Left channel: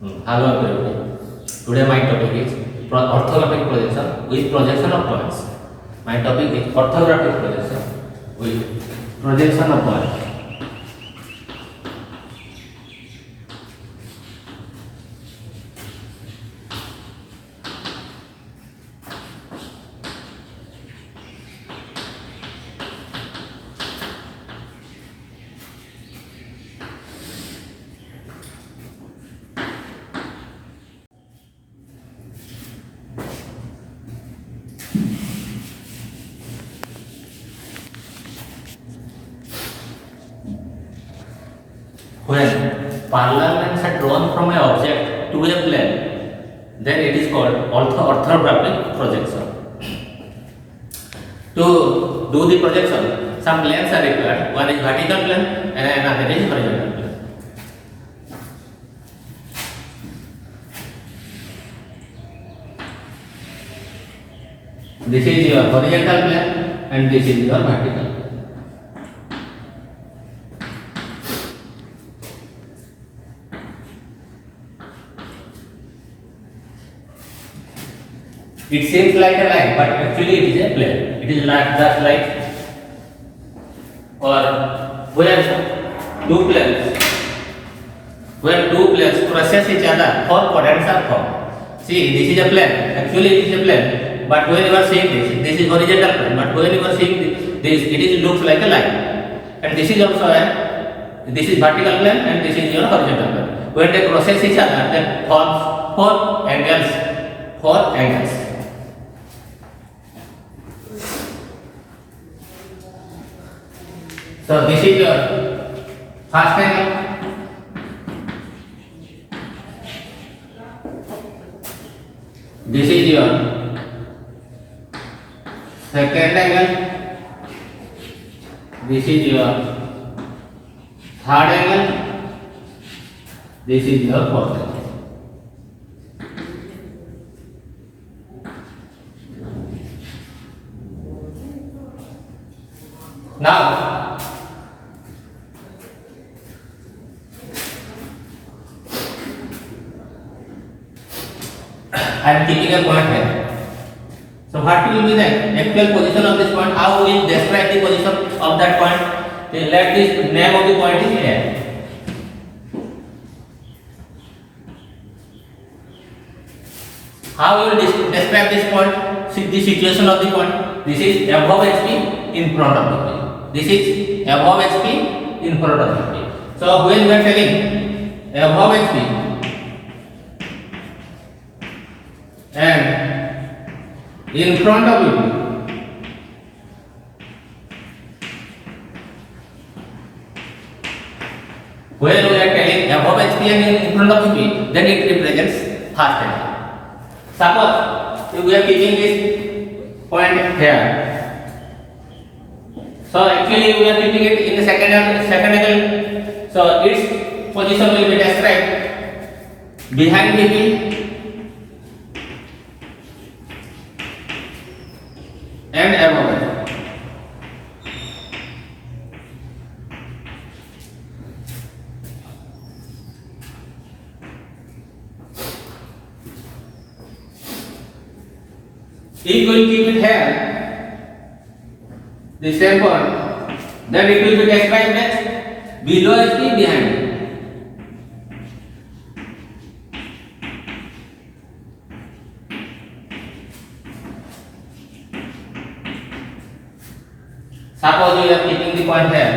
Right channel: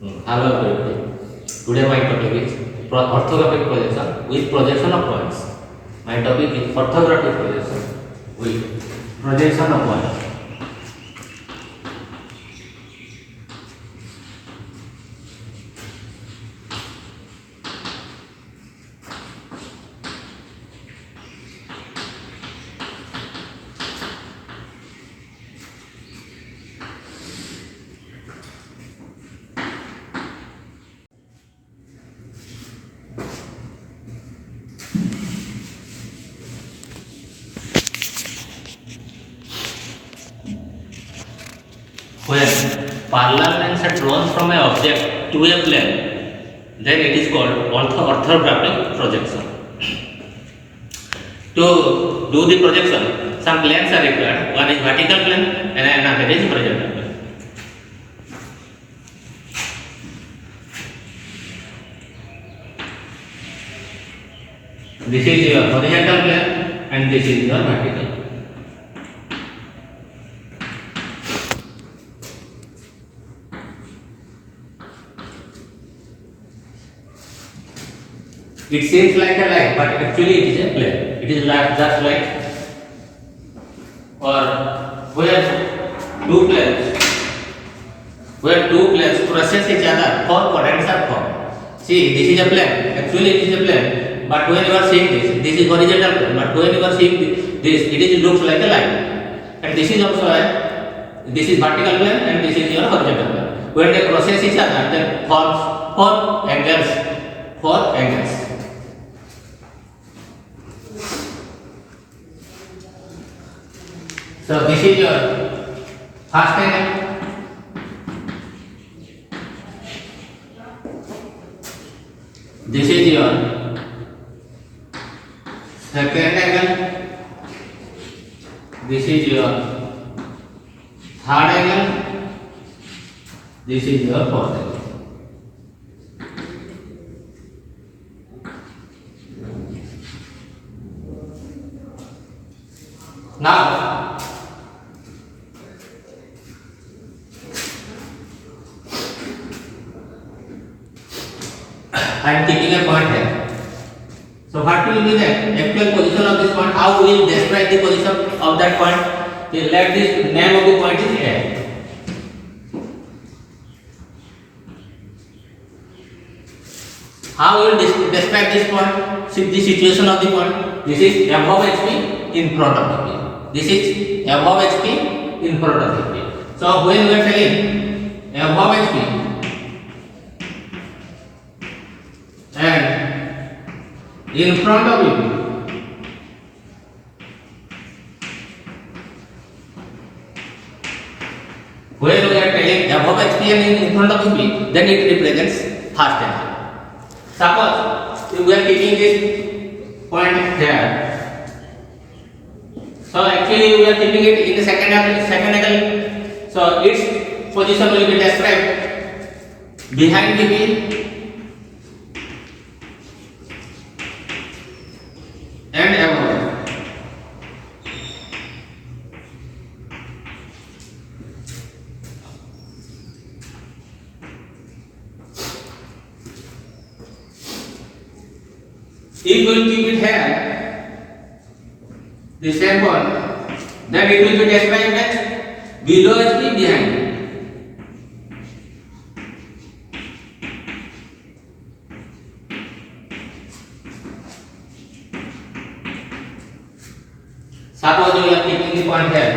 Hello everybody. Today my topic is orthographic projection with projection of points. My topic is orthographic projection with projection of points. When parallel lines are drawn from an object to a plane, then it is called orthographic projection. To do the projection, some planes are required. One is vertical plane and another is horizontal plane. This is your horizontal plane and this is your vertical. It seems like a line, but actually it is a plane. It is like just like, or where two planes crosses each other, four quadrants are formed. See, this is a plane. Actually, it is a plane, but when you are seeing this is horizontal plane. But when you are seeing this, it is looks like a line. And this is also this is vertical plane, and this is your horizontal plane. When they crosses each other, then forms four angles. So this is your first angle. This is your second angle. This is your third angle. This is your fourth angle. Now I am keeping a point here. So what will be the actual position of this point? How we will describe the position of that point? Then let this name of the point is A. How we will describe this point? See the situation of the point. This is above HP, in front of HP. This is above HP, in front of HP. So when we are telling above HP and in front of it, when we are telling above HP and in front of HP, then it represents first angle. Suppose we are keeping this point here. So actually we are keeping it in the second angle. So its position will be described behind BP and above it. If we will keep it here, the same point, then it will be described as below HP, behind it. Suppose we are keeping the point here,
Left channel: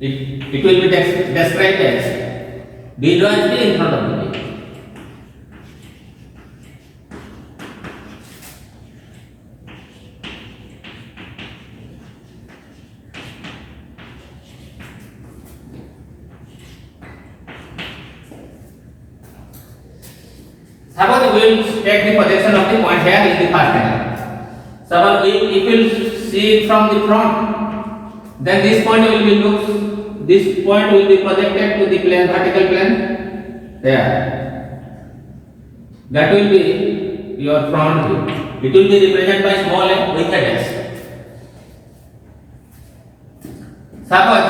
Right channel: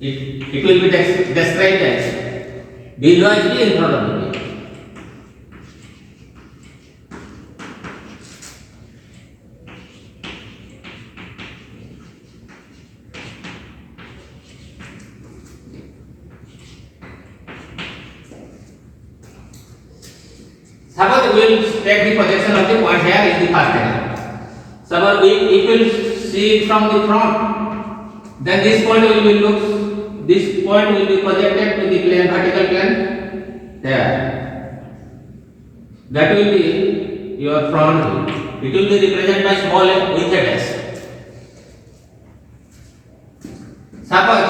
it will be described as below HP, in front of HP. Suppose we will take the projection of the point here in the first angle. Suppose if we will see it from the front, then this point will be projected to the plane, vertical plane there. That will be your front view. It will be represented by small a with a dash. Suppose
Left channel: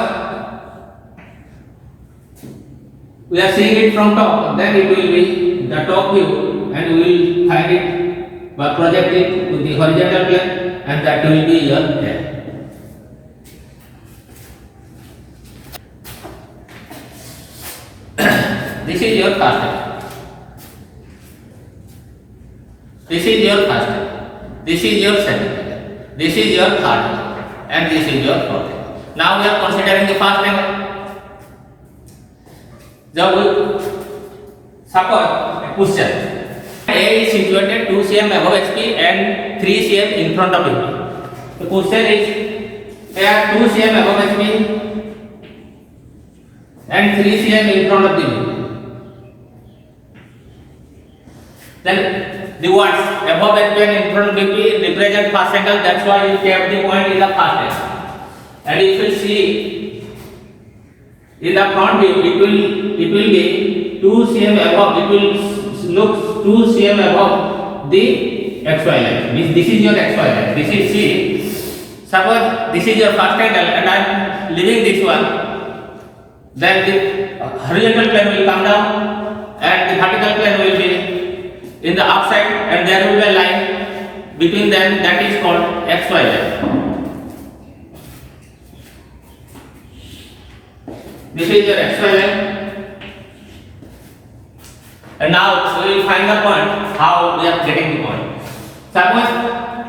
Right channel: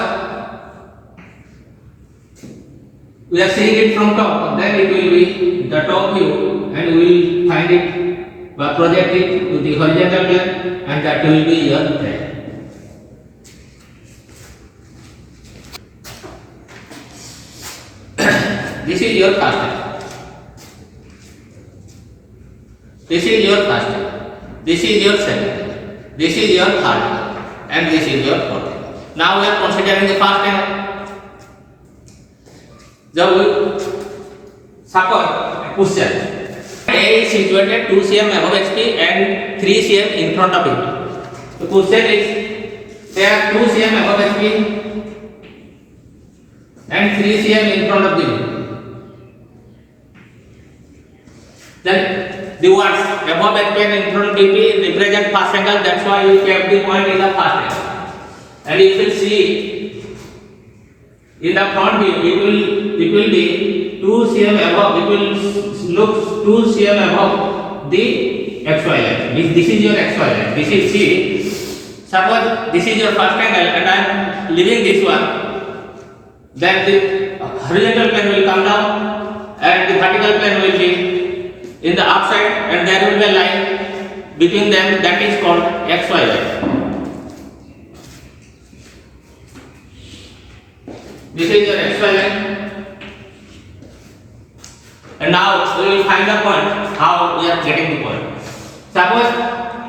we are seeing it from top, then it will be the top view, and we will find it by project it to the horizontal plane, and that will be your plane. This is your first step. This is your first step. This is your second step. This is your third step. And this is your fourth step. Now we are considering the first angle. Suppose question A is situated 2 cm above HP and 3 cm in front of it. The question is there 2 cm above HP and 3 cm in front of the then the words above HP and in front of BP represent first angle. That's why you kept the point in the first angle. And if you see in the front view, it will be 2 cm above. It will look 2 cm above the XY line. This is your XY line. This is C. Suppose this is your first angle, and I am leaving this one. Then the horizontal plane will come down, and the vertical plane will be in the upside, and there will be a line between them that is called XY line. This is your XY line, and now we will find the point how we are getting the point. Suppose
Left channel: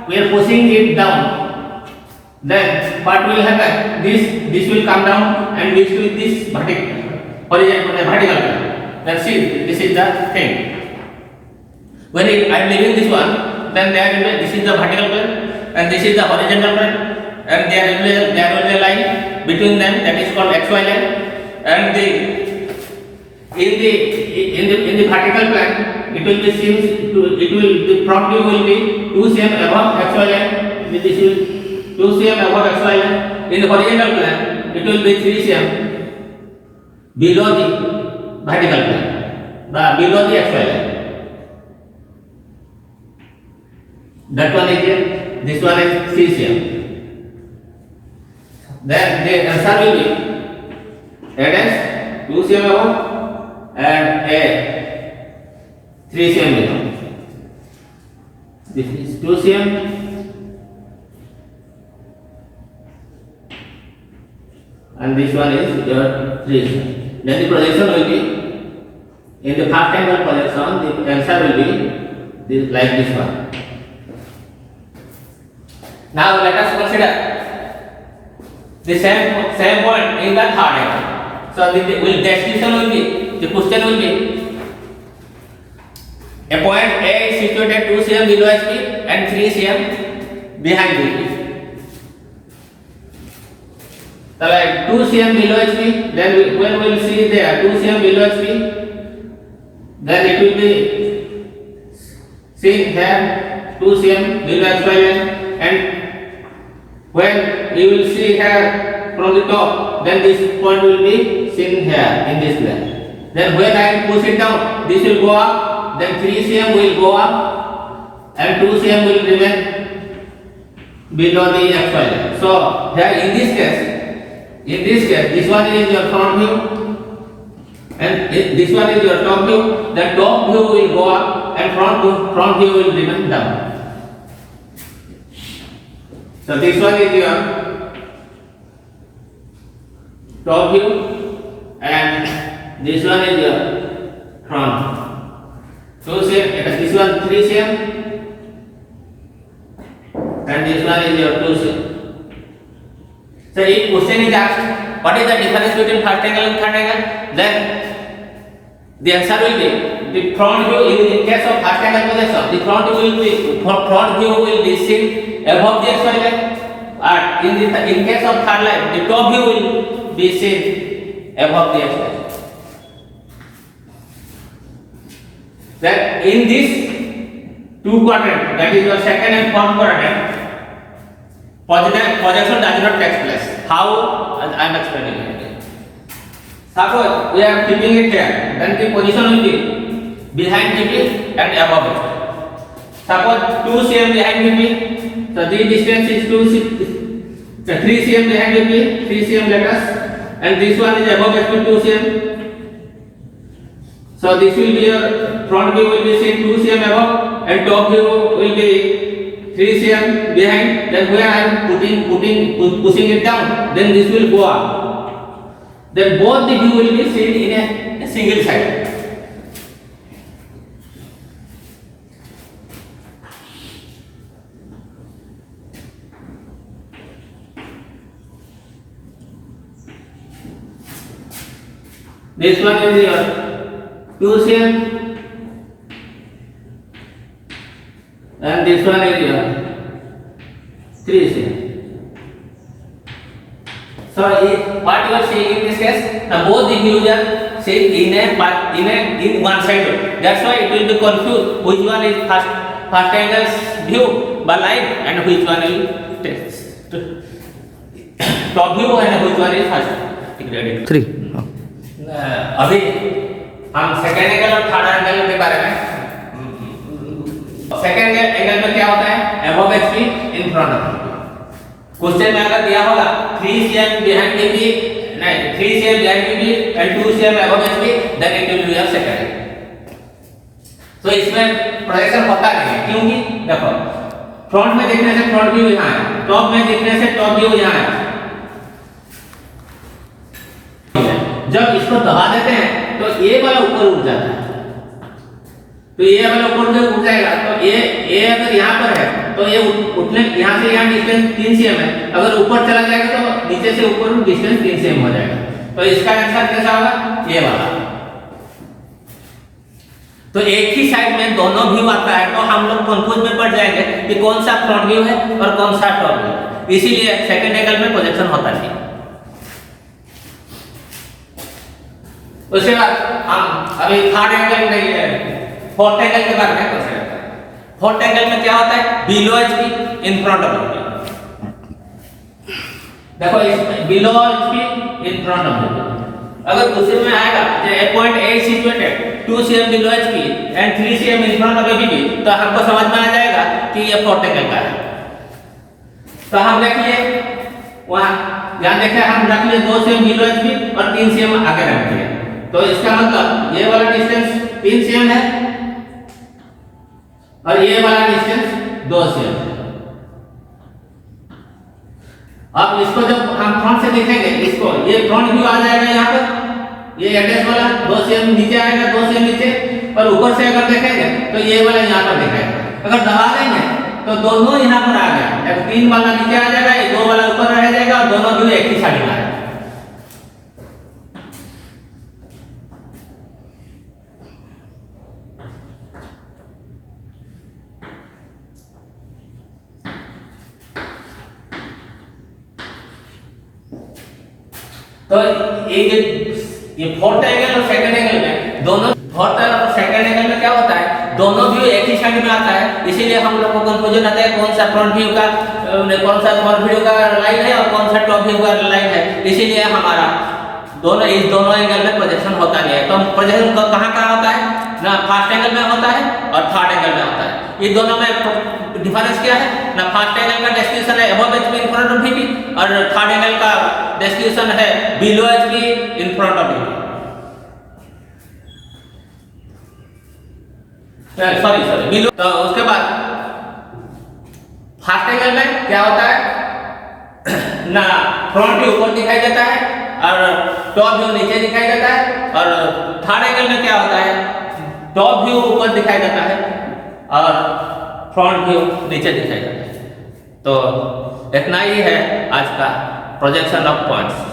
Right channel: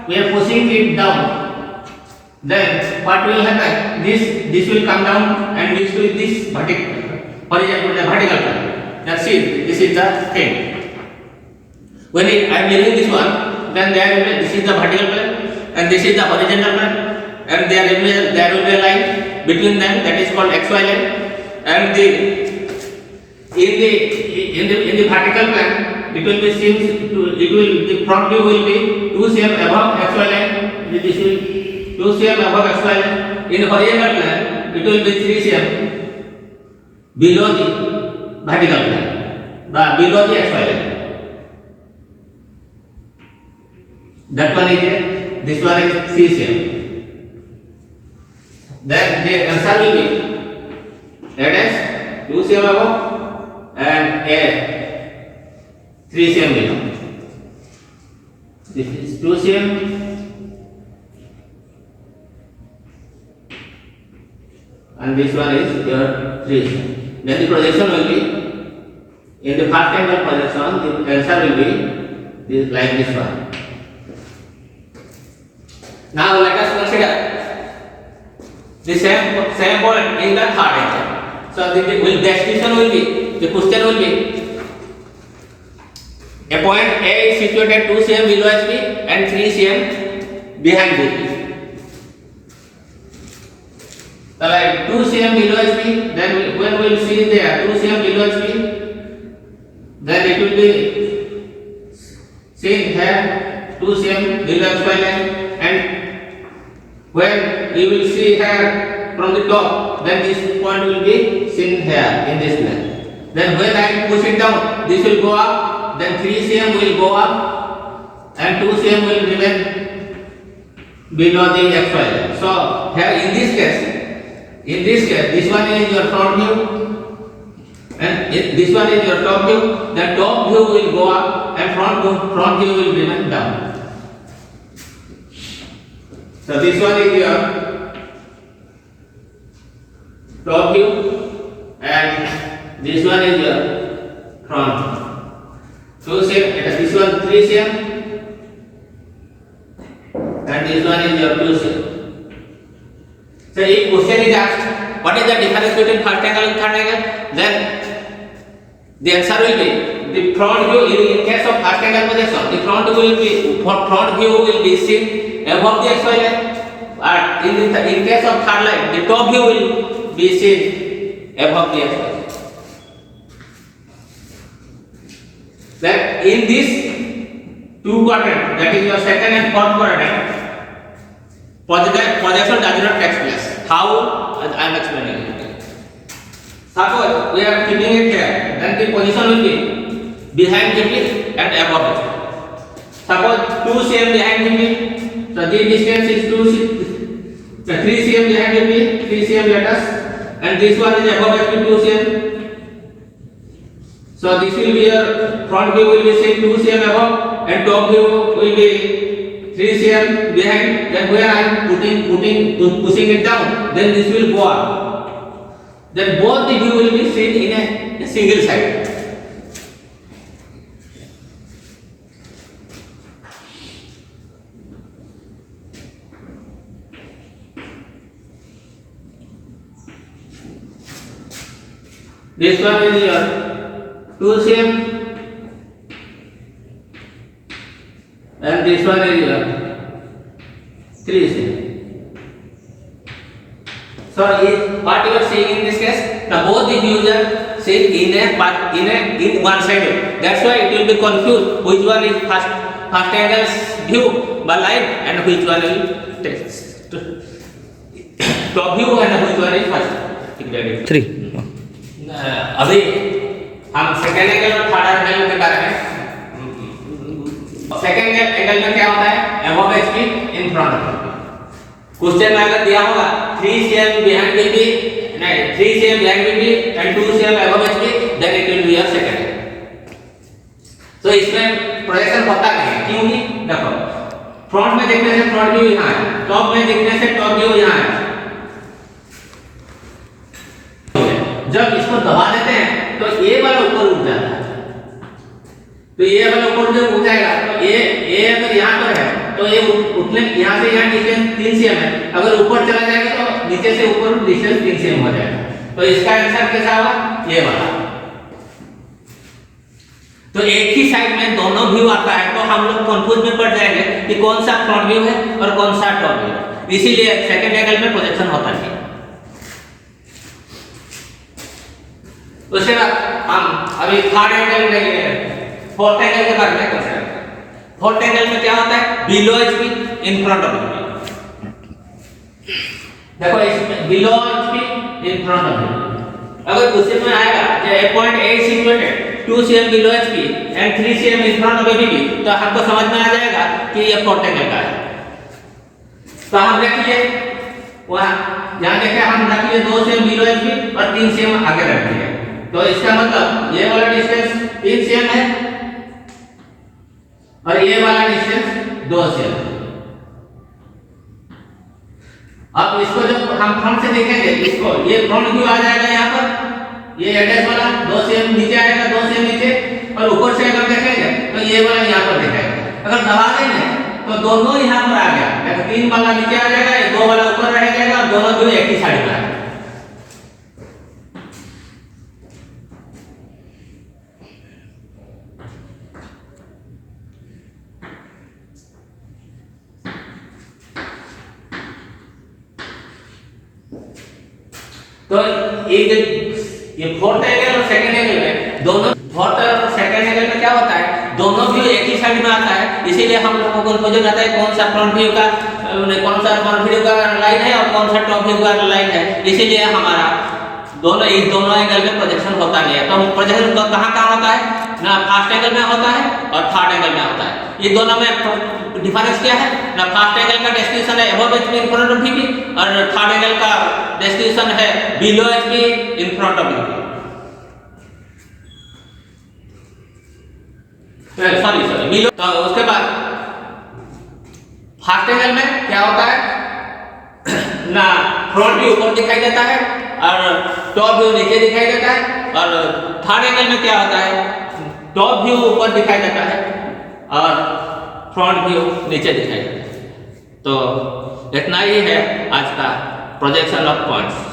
we are pushing it down, then what will happen? This will come down, and this vertical line. Now see, this is the thing. When I am leaving this one, then this is the vertical plane, and this is the horizontal plane, and there will be a line between them that is called XY line, and in the vertical plane it will be the front view will be 2 cm above XY line. This will 2 cm above XY line. In the horizontal plane it will be 3 cm below the vertical plane, below the XY line. That one is A, this one is 3 cm. Then the answer will be A dash 2 cm above and A 3 cm below. This is 2 cm and this one is your 3 cm. Then the projection will be in the first angle projection. The answer will be like this one. Now let us consider the same point in the third angle. So the destination will be, the question will be a point A is situated 2 cm below HP and 3 cm behind BP. So like 2 cm below HP, then when we will see there 2 cm below HP, then it will be seen here 2 cm below XY line, and when you will see here from the top, then this point will be seen here in this plane. Then when I push it down, this will go up, then 3 cm will go up, and 2 cm will remain below the XY line. So here in this case, this one is your front view, and this one is your top view. The top view will go up, and front view will remain down. So this one is your top view, and this one is your front. So this one 3 cm, and this one is your 2 cm. So if question is asked, what is the difference between first angle and third angle? Then the answer will be the front view. In case of first angle projection, the front view will be seen above the XY line. In case of third line, the top view will be seen above the XY line. Then in this two quadrant, that is your second and fourth quadrant, projection does not take place. How? I am explaining it. Suppose we are keeping it here, then the position will be behind BP and above it. Suppose 2 cm behind BP, so the distance is 3 cm behind BP, 3 cm let us, and this one is above BP 2 cm. So this will be your front view will be say 2 cm above and top view will be 3 cm behind. Then where I am pushing it down, then this will go up. Then both the view will be seen in a single side. This one is your 2 cm and this one is your 3 cm. So what you are seeing in this case, now both the views are seen in one side. That's why it will be confused which one is first angle's view by light and which one will top view and which one is first. 3 अभी हम second angle और third angle के बारे में second angle में क्या होता है above HP in front of question में अगर दिया होगा 3 cm बिहाइंड एचपी नहीं 3 cm behind HP and 2 cm above HP then it will be your second. तो इसमें प्रोजेक्शन होता नहीं है क्योंकि देखो फ्रंट में देखने से फ्रंट व्यू यहां है, टॉप में देखने से टॉप व्यू यहां है. जब इसको दबा देते हैं तो ये वाला ऊपर उठ जाता है. तो ये वाला ऊपर जब उठ जाएगा तो ये अगर यहाँ पर है तो ये उठने यहाँ से यहाँ डिस्टेंस 3 cm है. अगर ऊपर चला जाएगा तो नीचे से ऊपर डिस्टेंस 3 cm हो जाएगा. तो इसका आंसर कैसा होगा ये वाला. तो एक ही साइड में दोनों व्यू आता है तो हम लोग कंफ्यूज में पड़ जाएंगे कि कौन सा फ्रंट व्यू है और कौन सा टॉप व्यू. इसीलिए सेकंड एंगल में प्रोजेक्शन होता है. उसके बाद हम अभी थर्ड एंगल में लेंगे, फोर्थ एंगल के बारे में कंसीडर करें. फोर्थ एंगल में क्या होता है below HP in front of view. देखो इसमें below HP in front of view अगर उसी में आएगा जो 8.8 situated 2 cm below HP and 3 cm in front of ABP तो हमको समझ में आ जाएगा कि ये फोर्थ एंगल का है. तो हम रखिए वहां ध्यान देखिए हम रखिए 2 cm बिलो एचपी और 3 cm आगे रखिए. तो इसका मतलब ये वाला डिस्टेंस 3 cm है और ये वाला डिस्टेंस 2 cm है. अब इसको जब हम फ्रंट से देखेंगे इसको ये फ्रंट व्यू आ जाएगा यहाँ पर ये एड्रेस वाला 2 cm नीचे आएगा 2 cm नीचे और ऊपर से अगर देखेंगे तो ये वाला यहाँ पर दिखाएगा. अगर दबा देंगे तो दोनों यहाँ पर आ जाएगा. 3 वाला नीचे आ जाएगा 2 वाला ऊपर रह जाएगा और दोनों व्यू एक ही साइड में आएगा. तो ये फोर्थ एंगल और सेकंड एंगल में दोनों फोर्थ और सेकंड एंगल में क्या होता है दोनों व्यू एक ही साइड में आता है. इसीलिए हम लोग को कंफ्यूजन आता है कौन सा फ्रंट व्यू का लाइन है और कौन सा टॉप व्यू का लाइन है. इसीलिए हमारा दोनों एंगल में प्रोजेक्शन होता नहीं है. तो प्रोजेक्शन कहाँ होता है ना फर्स्ट एंगल में होता है और थर्ड एंगल में होता है. ये दोनों में डिफरेंस क्या है ना फर्स्ट एंगल का डेस्टिनेशन है above HP in front of VP और थर्ड एंगल का डेस्टिनेशन है below HP in front of VP. Sorry below. तो उसके बाद फर्स्ट एंगल में क्या होता है ना फ्रंट व्यू ऊपर दिखाई देता है और टॉप व्यू नीचे दिखाई देता है. और थर्ड एंगल में क्या होता है टॉप व्यू ऊपर दिखाई देता है और फ्रंट व्यू नीचे दिखाई देता है. तो इतना ही है आज का प्रोजेक्शन ऑफ पॉइंट्स.